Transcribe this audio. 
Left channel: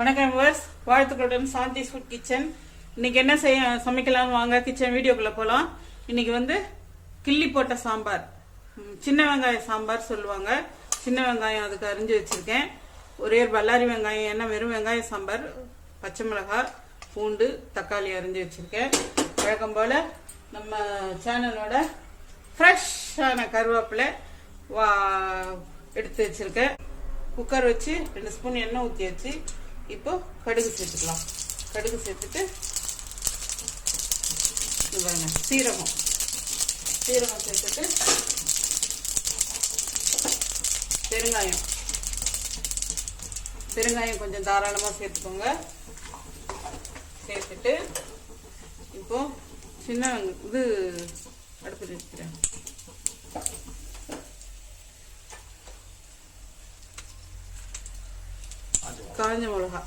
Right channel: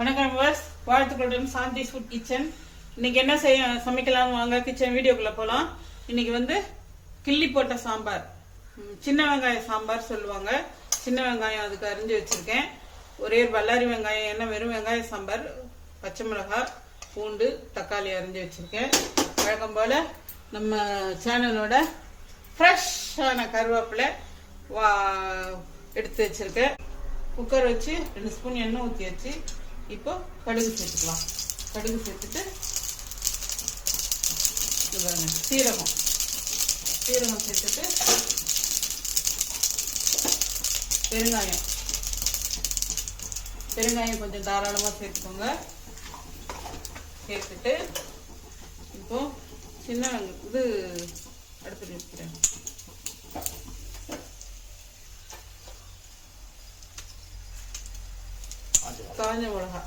வணக்கம் வியூவர்ஸ், வாழ்த்துக்களுடன் Shanthi's food kitchen. இன்னைக்கு என்ன சமைக்கலாம் வாங்க கிச்சன் வீடியோக்குள்ள போலாம். இன்னைக்கு வந்து கிள்ளி போட்ட சாம்பார், சின்ன வெங்காய சாம்பார் சொல்லுவாங்க. சின்ன வெங்காயம் அதுக்கு அரிஞ்சு வச்சிருக்கேன். ஒரே பல்லாரி வெங்காயம், என்ன வெறும் வெங்காய சாம்பார், பச்சை மிளகாய், பூண்டு, தக்காளி அரிஞ்சு வச்சிருக்கேன். வழக்கம் போல நம்ம சேனலோட ஃப்ரெஷ்ஷான கருவேப்பிலை எடுத்து வச்சிருக்கேன். குக்கர் வச்சு 2 ஸ்பூன் எண்ணெய் ஊற்றி வச்சு இப்போ கடுகு சேர்த்துக்கலாம். கடுகு சேர்த்துட்டு சீரகம் சேர்த்துட்டு பெருங்காயம் கொஞ்சம் தாராளமாக சேர்த்துக்கோங்க. சேர்த்துட்டு இப்போ சின்ன இது அடுப்பில் வைக்கிறேன். காஞ்ச மிளகாய்